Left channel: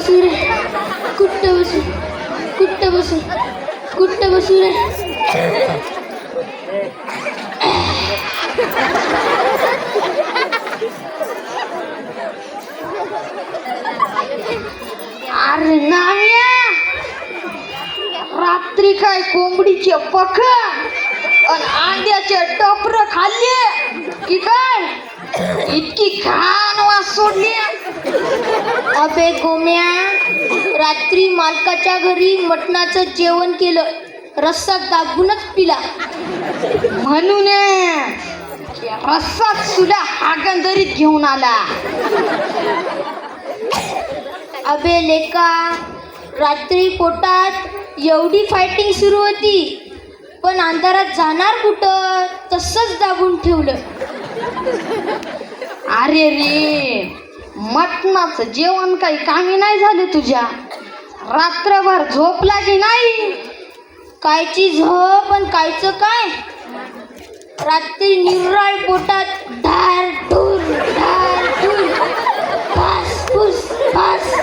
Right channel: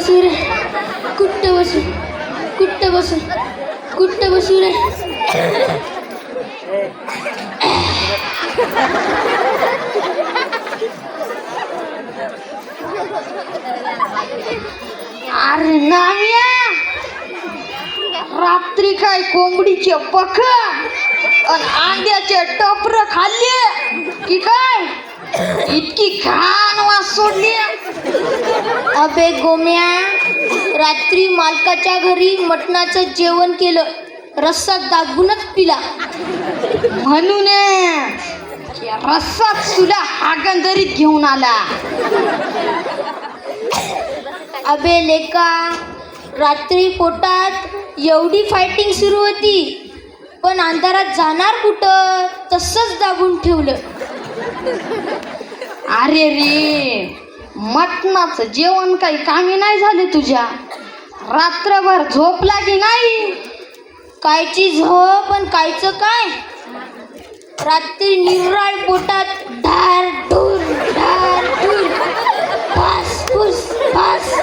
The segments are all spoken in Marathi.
बसू रे कुठं बसू कुठं बसू कुठं बसू रे अरे नाम्या रात्री काय कोंबडीचे पख आणि अंड्याचे टोपर खाल्ले की काय इतकी घाण वास सोडली. अबे गोम्या रात्री मालकाच्या घरी मटणाचं जेवण केलं रस्सा दाबूनच पिला म्हणून रस्साच तुला हागंदरीत घेऊन आला. अबे लेका रात्री पोटात एवढी फायटिंग सुरू होती पण अंधारात जाणार कुठं तसंच दाबून ठेवलं. अरे रे मटणाचं जेवण काही कामी नाही झालं तुझ्या. रात्रभर झोप लागी नाही. कायची झोप पण कायचं काय रात्री निराळ पोटात ढार ढूर फास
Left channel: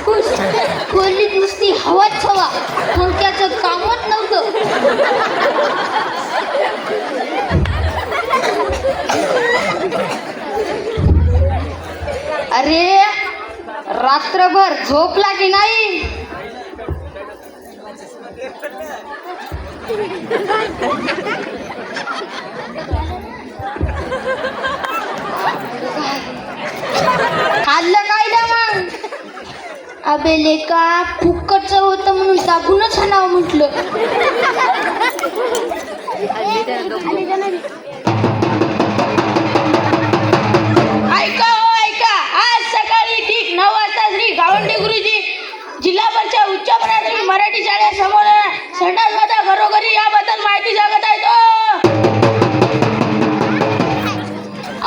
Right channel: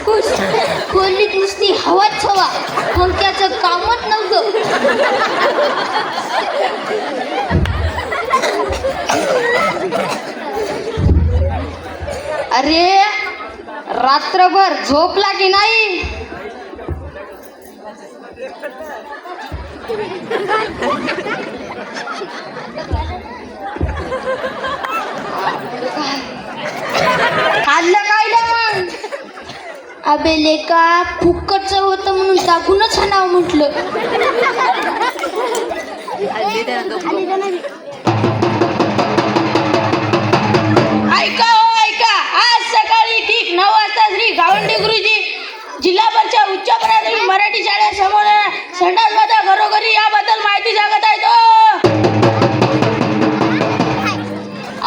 फुस खोलीत नुसती हवाच हवा पंख्याचं कामच नव्हतं. अरे रात्रभर झोप लागी नाही. खाल्लं काय मग. अबे लेका फुक्कटचं होतं म्हणून दाबूनच नाव म्हटलं. ऐका हो ऐका आज सकाळी ठीक 9 वाजता श्री गावंडे गुरुजी जिल्हा परिषद उच्च प्राथमिक मराठी शाळेसमोर संडासवादा घरोघरी याबद्दल माहिती सांगत आहे तो.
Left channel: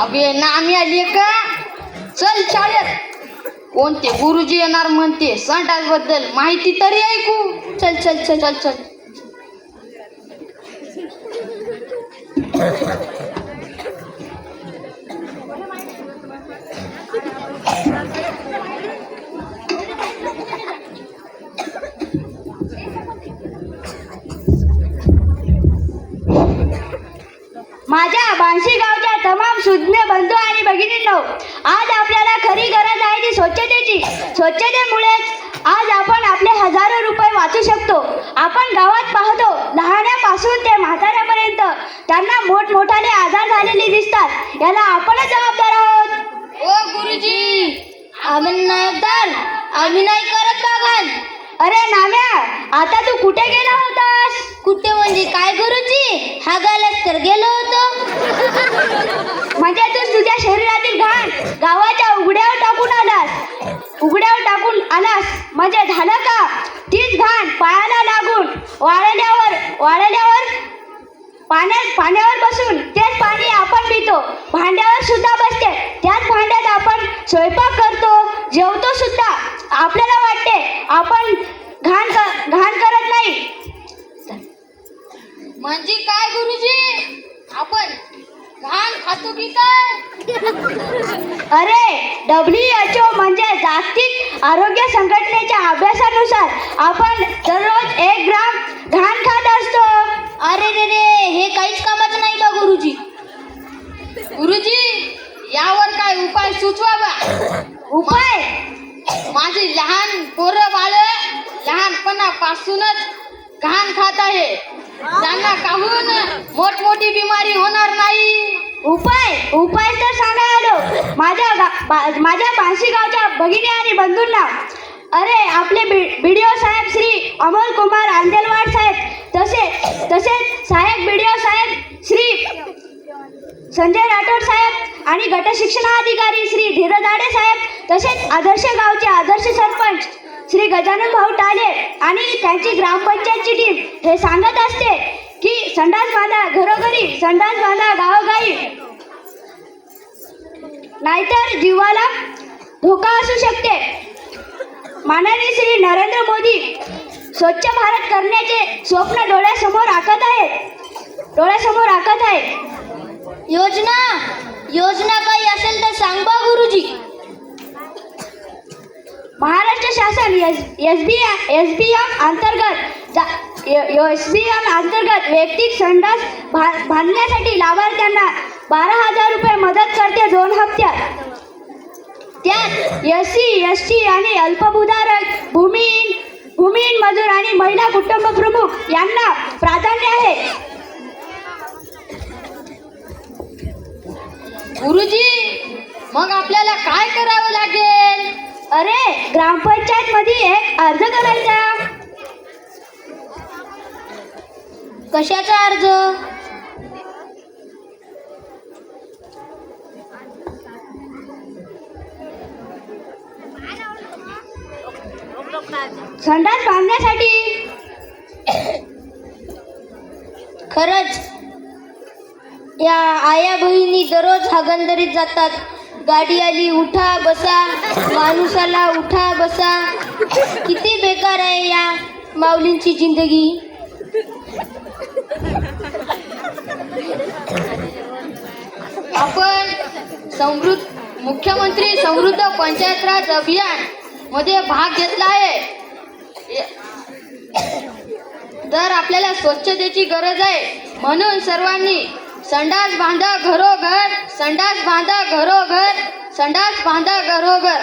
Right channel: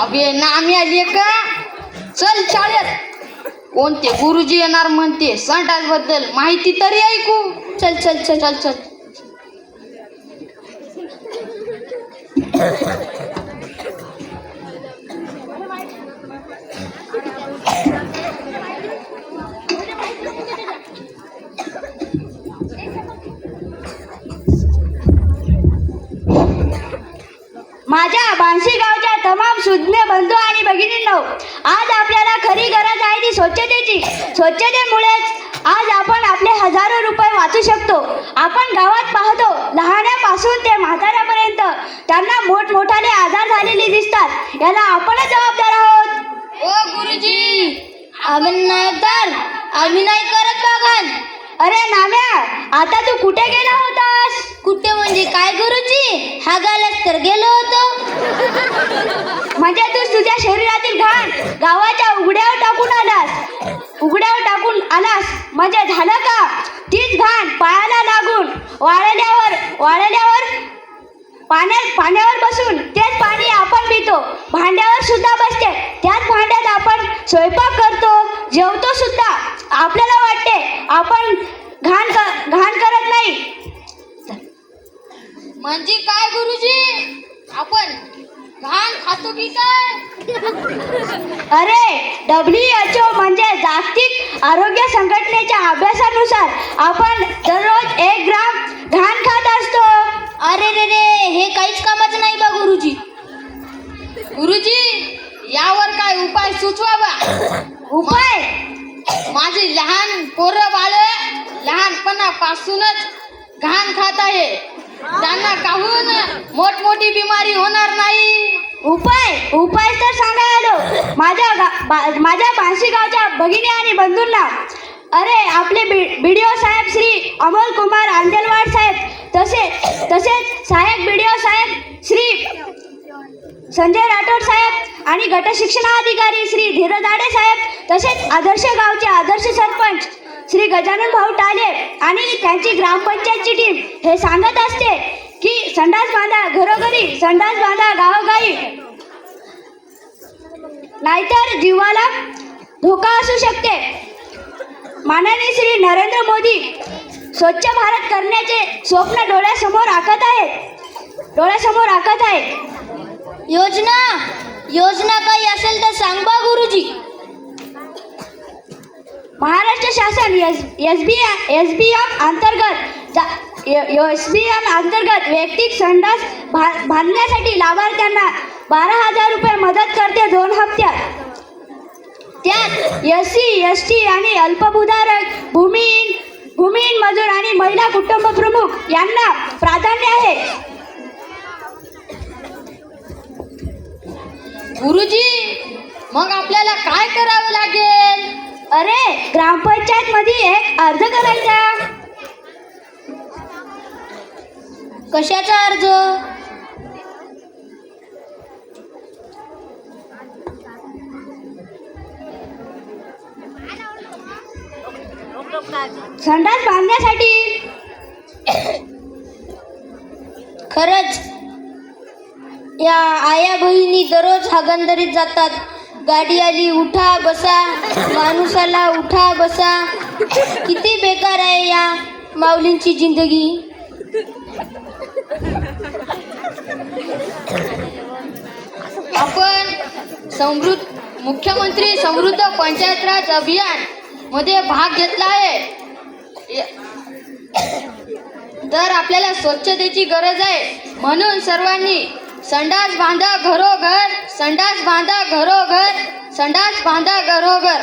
अबे नाम्या लेका चल शाळेत कोणते गुरुजी येणार म्हणते संडास बद्दल माहिती तरी ऐकू. चल चल चल चल चल माझ्या बांसी गावच्या तमाम सुज्ञ बंधू आणि भगिनींनो आज आपल्याला खरी गरज आहे ती स्वच्छतेची. स्वच्छतेमुळेच आज आपण आपले हजारो रुपये वाचू शकतो. आपण गावात पाहतो लहानापासून ते म्हाताऱ्यापर्यंत त्यांना मोठमोठाले आजार झालेले दिसतात. याला आपणच जबाबदार आहोत. ओ गुरुजी आम्ही नाही तर आम्ही नाही करत बागन. अरे नाम्या आता तू कुठे गेला होतास. कुठे म्हणजे काय गुरुजी हागायलाच तर गेलो होतो. म्हणजे तू तुझ्या शरीरातील घाण गावाच्या उघड्यावर टाकून आलास म्हणजे झालं का. तीच घाण पायाला लागून वाळल्यावर पाण्यावर बसून तेच पाणी आपण पितो. भांड्यावर सुद्धा बसते त्याच भांड्यात आपण स्वयंपाक करतो जेवतो सुद्धा. आपल्याला वाटते आपण घाण करत नाही. म्हणजे काय गुरुजी आपण घाण खातो की काय. अरे WHO म्हणजे जागतिक आरोग्य संघटनेच्या अभ्यासानुसार आपण दररोज 1 ग्राम घाण खात असतो. अरे रे रे हे काहीच कामाचं नाही बा गुरुजी. गुरुजी यावर काय उपाय सुचवा बा. उपाय माझी लहान पोरं बाळ लहानपणापासूनच घाण खात आहे. त्यांना काहून मोठमोठी बिमारी होणार नाही. उपाय तर सांगा आलो माझ्या बांसी गावच्या भगिनी आणि बंधूंना. अरे आपले बीडीओ साहेब श्री अमोल कुमार अंदेलवाड साहेब तसेच सहाय्यक बीडीओ साहेब श्री संजय राठोड साहेब आणि गट शिक्षणाधिकारी श्री धीरज आडे साहेब तसेच आदर्श गावचे आदर्श सरपंच श्री गजानन भाऊ टाले आणि त्यांची ग्रामपंचायतची टीम हे सांगत असते की संडास बांधा घरोघरी संडास बांधा गावोगावी नाहीतर जीवाला धोका असू शकते. माननीय श्री नरेंद्र मोदी स्वच्छ भारत करण्याचे स्वप्न डोळ्यासमोर आखत आहे. योजना काही असेल तर सांग बा गुरुजी. महाराष्ट्र महाराष्ट्र शासन SBM अंतर्गत वैयक्तिक संडास बांधण्यासाठी लाभार्थ्यांना 12,000 रुपये मदत करते 2 हप्त्यात. त्यात SC, ST आणि अल्पभूधारक भूमिहीन मजूर आणि महिला कुटुंब प्रमुख यांना प्राधान्य आहे. गुरुजी, मग आपल्याला काय करावं लागेल? अरे, ग्रामपंचायत मध्ये एक अर्ज करायचा. कशाचा अर्ज? संडास बांधण्यासाठी. खरंच या आया बहिणी दररोज हागणदारीत जातात. गाडी आली उठा बसा, माणूस आला उठा बसा. किती बेकार आहे या माऊलींची जिंदगी. आपण मुख्यमंत्री समृद्ध पंचायत राज अभियान मध्ये भाग घेतला आहे. तर आपल्याला स्वच्छतेची गरज आहे, म्हणून सर्वांनी संडास बांधा घरोघर, संडास बांधा घरोघर, संडास बांधा घरोघर.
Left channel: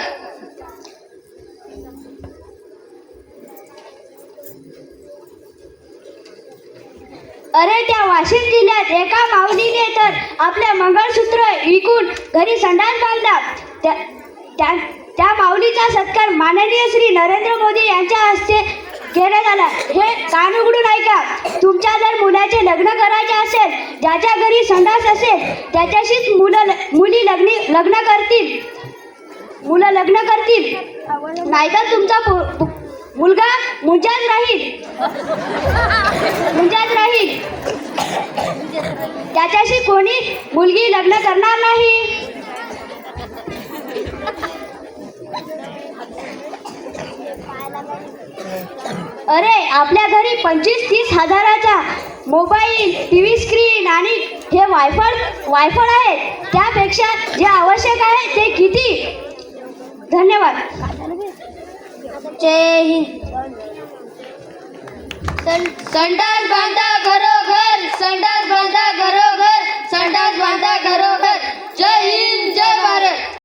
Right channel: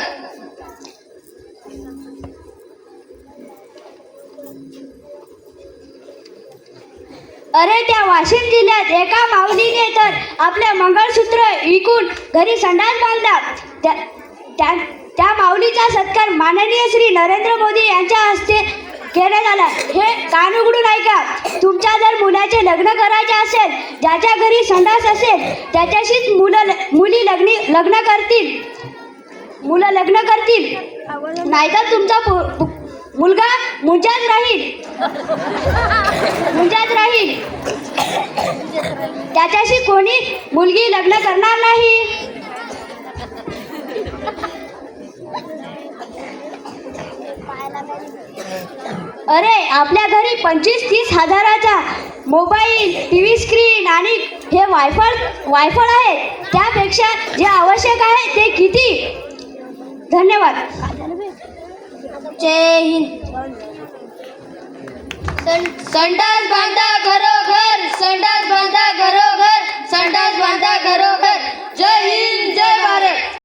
अरे, त्या वाशिम जिल्ह्यात एका माऊलीने तर आपले मंगळसूत्र विकून घरी संडास बांधला. त्या माऊलीचा सत्कार माननीय श्री नरेंद्र मोदी यांच्या हस्ते केला झाला. हे कान उघडून ऐका. तुमच्या जर मुलाचे लग्न करायचे असेल, ज्याच्या घरी संडास असेल त्याच्याशीच मुली लग्न करतील. नाहीतर तुमचा मुलगा मुंजात राहील. त्याच्याशी कोणी मुलगी लग्न करणार नाही. अरे, आपल्या घरी 25-30 हजाराचा मोबाईल, TV स्क्रीन आणि हे वायफळ आहे. त्यापेक्षा जे आवश्यक आहे ते किती. धन्यवाद. जय हिंद. संडास बांधा घरो